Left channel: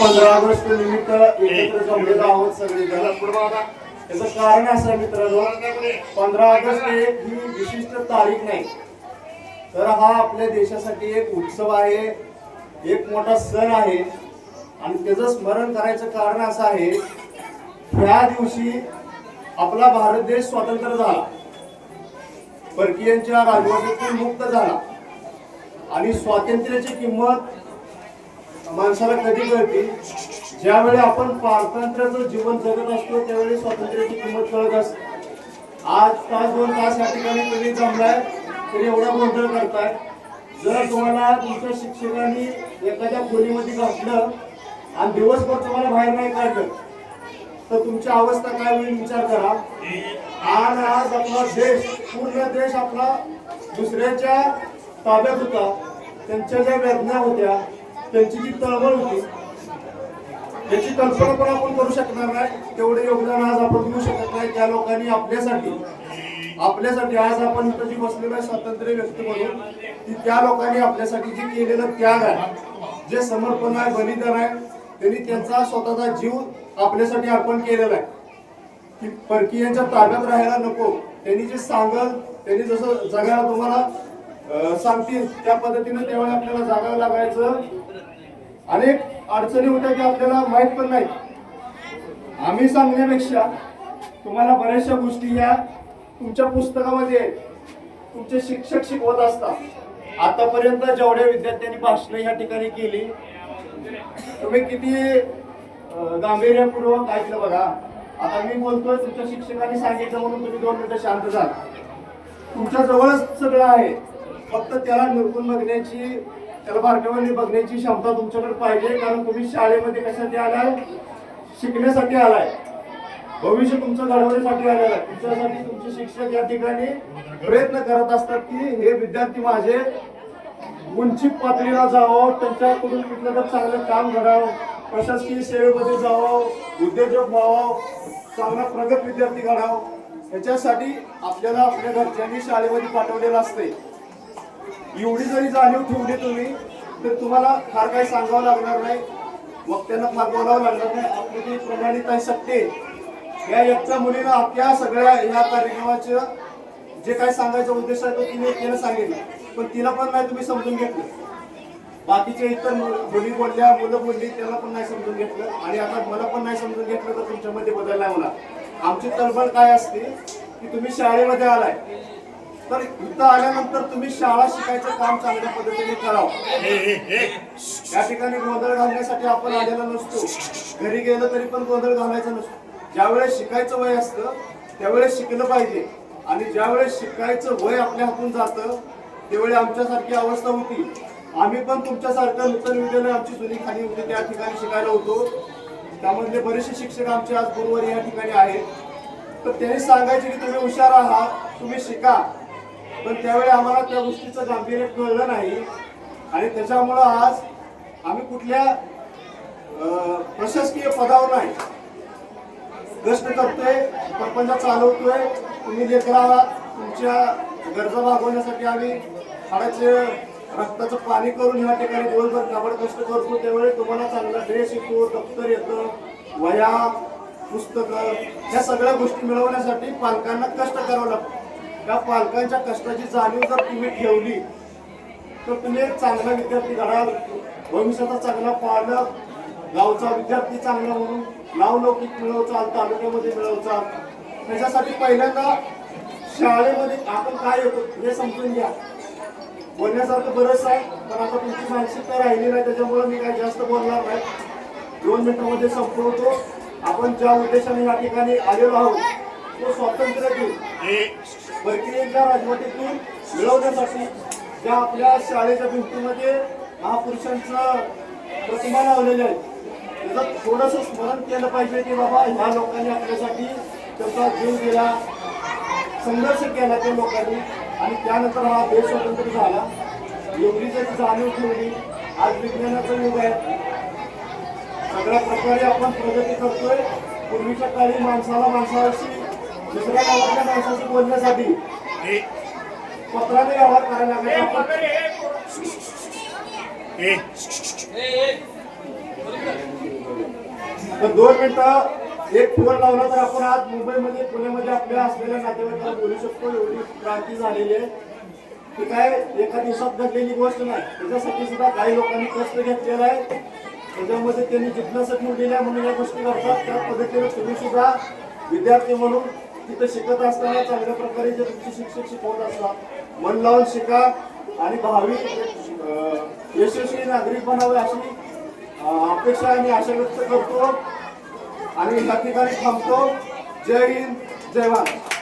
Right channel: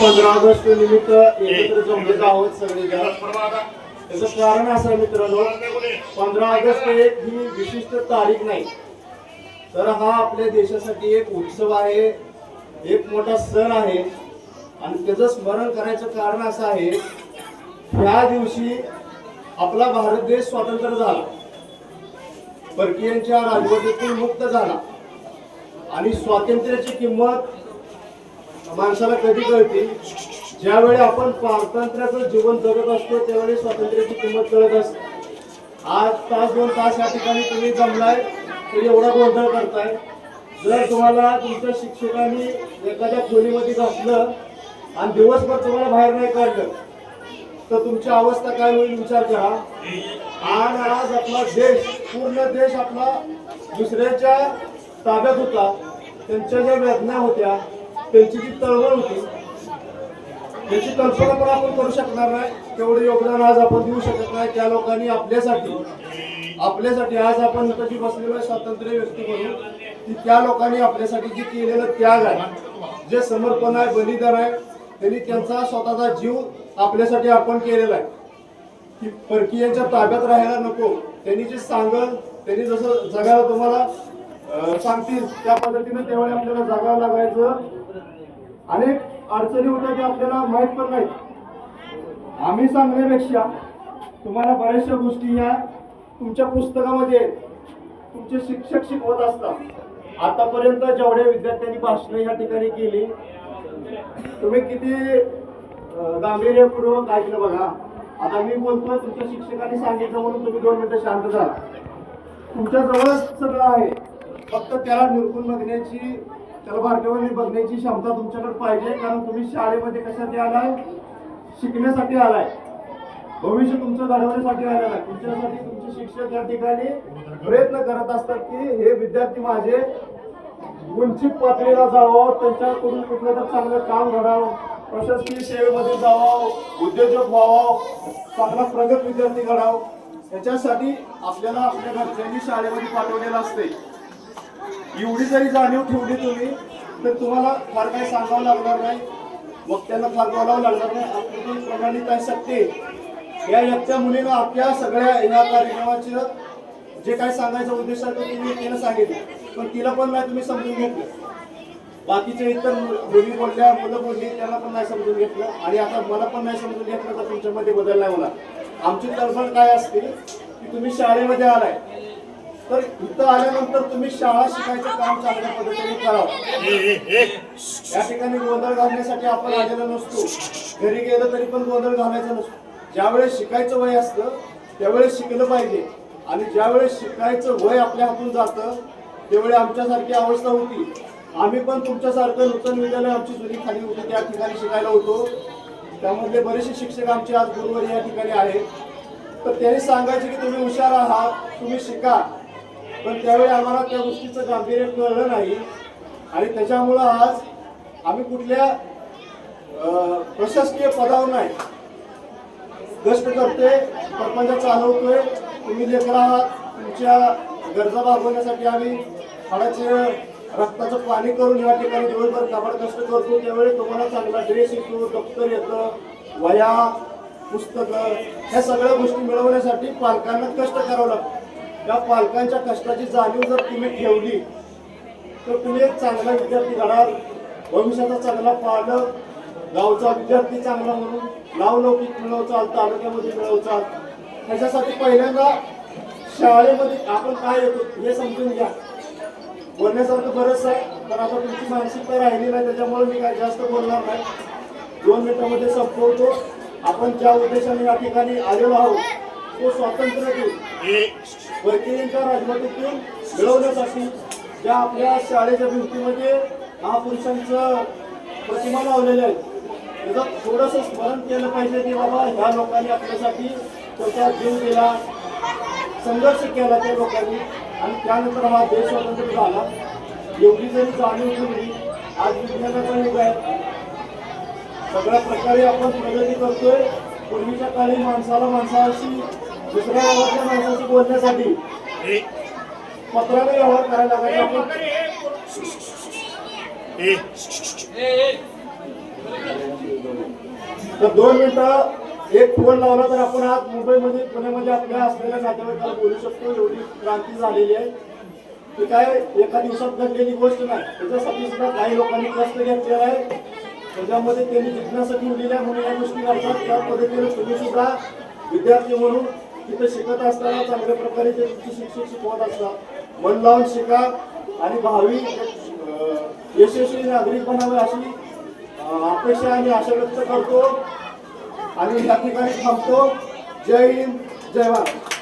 पंधरा ऑगस्ट निमित्त एकत्र जमलेलो आहोत सगळे त्याचं कारण असं मित्रांनो पंधरा ऑगस्ट ही एक ही विशिष्ट तारीख नाही. तर हा आपल्या देशासाठी एक उत्सव आहे एक मोठा सण आहे. आणि त्याचं स्मरण करायचं कारण असं आहे ह्या दिवशी आपला भारत देश स्वतंत्र झाला. परकीयांच्या राजवटीतून मुक्त झाला. आणि स्वातंत्र्याची किंमत माणसाला कधी कळते? ज्यावेळी आपण पारतंत्र्याचं जीवन जगत असतो त्यावेळी स्वातंत्र्याची किंमत कळत असते. आज तास दोन तास या ठिकाणी तुम्ही जमलाय तरी एवढा गोंधळ करताय. जर तुम्हाला तुमच्या शिक्षकांनी एखाद्या खोलीमध्ये घातलं आणि दिवसभर तुम्हाला बाहेर नाही काढलं तर तुमची अवस्था काय होईल विचार करा. आज आज आपला देश पूर्ण देश आपला दुसऱ्याच्या ताब्यात होता त्यांच्या ज्या वेदना होत्या त्यांची जी तळमळ होती याची कल्पना पण आपण करू शकणार नाही. तेवढे योगदान आज आपण देऊ शकत नाही. त्या लोकांनी आपल्यासाठी आपल्यासाठी आज आपण जी बसलेलो आहे स्वातंत्र्य व्यक्ती म्हणून की त्या लोकांनी आपल्यासाठी जे केलेलं त्याग आहे जे समर्पण आहे बलिदान आहे त्यांनी त्यांचा स्वतःचा जीव आपल्यासाठी अर्पण केलेला आहे. की परकीयांच्या ताब्यात राहायला नको. त्यांनी जे सांगल त्यांनी जसं जगायला तुम्हाला सांगतील. त्या पद्धतीने त्यावेळी आपल्याला जागावं लागायचं. अनेक अडचणी होत्या की आपल्याला माहीत पण नाही आम्ही सांगण्यापेक्षा तुम्हाला बऱ्याचशा गोष्टी ह्या तुमच्या पुस्तकामध्ये तुमचे शिक्षक शिकवत असतात. आतापर्यंत जेवढ्या विद्यार्थ्यांनी भाषणं या ठिकाणी केली तुम्ही किती गांभीर्यपूर्वक ऐकलं बघा. आता मी बोलतोय तुमच्या शिक्षकांनी सांगितलं म्हणून तुम्ही दोन मिनिटं शांत झाला. तुमच्या जवळच सगळं आहे. फक्त त्याला निरकून बघण्याची त्याला बारकावाने बघण्याची क्षमता तुमच्याकडे पाहिजे कारण तुम्ही शाळेमध्ये कशासाठी आलाय? शिकण्यासाठी आलाय. भविष्य तुमचं घडवण्यासाठी आलेलं आहे. तुमच्यासाठी तुमचे शिक्षक या ठिकाणी प्रयत्न करत असतात की हे विद्यार्थी माझे उंची पातळीला जावं त्यांच्याकडून कुठलं तर चांगलं काम घडावं प्रशासकीय सेवेमध्ये जावं उद्योजक व्हावं चांगला प्रगत विद्यार्थी घडावं. याच्यासाठी आपल्याला आपल्या घरच्यांनी शाळेमध्ये पाठवलेलं असते एवढी जरी जाणीव ठेवली तुम्ही तर तुम्हाला फार काही सांगावं लागणार नाही. मग त्यांना फार बोलावं लागणार नाही. प्रमाणित जी प्रणाली या एकट्या मुलीनं आपल्या सगळ्या या कार्यक्रमाचं जे काय सांगायचा उद्देश आहे तो तिने तिला सांगितलं. पण तिला पण नाही तुम्ही समजून घेतलं. बाकीचे इतर मुली बोलल्या मुलं बोलली त्याला पण नाही समजून घेतलं. आणि आता मला पण नाही समजून घेतलं तर तुमच्यामध्ये बदल नाही होणार. आमची तळफळ काय असते की तुम्ही शाळेमध्ये आलाय. तर इथं आल्यानंतर तुम्ही शाळा शिकायचं काम चांगल्या पद्धतीने करावं. या ठिकाणी गोंधळ घालण्यासाठी आपण आलेलो नसतो. घरी गेलं तरी पण गोंधळ घालायचा नसतो. ज्यावेळेस शिकायचं वय असतं त्यावेळेस शिकलं पाहिजे. आणि ज्यावेळेस शिकायचं वय आपल्या हातून जातं त्यावेळी आमच्यासारखी अवस्था होती. आम्ही पण तुमच्यासारखं नूतन विद्यालय आमची जुनी खाली होती त्या ठिकाणी शिकायला होतो. त्यामधले बरेचसे शिक्षक आमचे आज गुरुवारी या ठिकाणी आहेत. तर त्यांनी सांगायचे की तुम्ही हुशार आहात तुम्ही शिका. पण त्यावेळी आम्हाला त्या गोष्टीचं गांभीर्य कळलं नाही. आणि त्याच्यामुळं आज आम्ही कुठल्या प्रशासकीय पदावर नाही. कष्ट करतोय प्रपंच चालवतोय. तुम्ही लेकर आहात तुमच्या गरजा भागवण्यासाठी आम्ही हाडाचे रक्ताचं पाणी करून या ठिकाणी दिवसभर काबड कष्ट करतो. त्यावेळी तुम्हाला चांगला ड्रेस येतो दप्तर येतं वया पुस्तकं ह्या सगळ्या गोष्टी मिळवण्यासाठी पालकांना कष्ट करावं लागतं. या पालकांच्या कष्टाची जाणीव जर तुम्ही ठेवली तर तुम्ही एक चांगला विद्यार्थी घडाल. भविष्याचा चांगला पालक गावचा विद्यार्थी चांगला म्हणून नावलौकिक मिळवचाल तालुक्यामध्ये मिळवचाल त्याच्यासाठी पहिल्यांदा शाळेमध्ये आपण काय येतो हे समजून घ्या. बोलण्यासारखं बरंच आहे पण आता तुमची मानसिकता राहिली नाही त्याच्यामुळे मी काय जास्त बोलणार नाही. दोन मिनिटांमध्ये संपवतो. आपण ज्या उद्देशाने या ठिकाणी आलेलो आहोत तो स्वातंत्र्य देऊ. परकीयांच्या राजवटीतून मिळवण्यासाठी ज्या आपल्या शाळेच्या भिंतीमध्ये महापुरुषांचं प्रतिमा लावलेल्या आहेत. त्याचं थोडंसं स्मरण केलं पाहिजे की बाबा ह्या लोकांनी आपल्यासाठी त्याचा जीव दिला संघर्ष केला त्या लोकांनी आणि त्यानंतर हा देश स्वतंत्र झाला. एवढी जरी जाणीव ठेवली आज विज्ञानाचं युग आहे. सगळ्या प्रकारे आपण प्रगती करतोय. पूर्वीच्या काळी माणसाला माणसाशी दुसऱ्या गावातल्या माणसाशी बोलण्यासाठी पत्राने व्यवहार करायला पाहिजे आपण तर दोन मिनिटं एक फोन लावला तर आपण आज मुंबईमध्ये पुण्यामध्ये आपल्या असलेल्या नातेवाईकाला बोलू शकतो एवढी क्रांती झालेली आहे ती काय एका दिवसात घडलेली गोष्ट नाही त्याच्यासाठी सुद्धा काही लोकांनी कष्ट घेतलेला आहे त्याच्यामध्ये त्यांनी जिज्ञासा ठेवलेली म्हणून या गोष्टी करतात त्या पद्धतीने तुम्ही सुद्धा विद्यार्थी म्हणून तिथं शिकत असताना चांगल्या प्रकारे जे तुमचे शिक्षक शिकवत असतात मन लावून शिका आणि भावी यशस्वी नागरिक बनावे अशी अपेक्षा आणि आशा व्यक्त करतो. आणि या ठिकाणी थांबतो. जय हिंद जय भारत.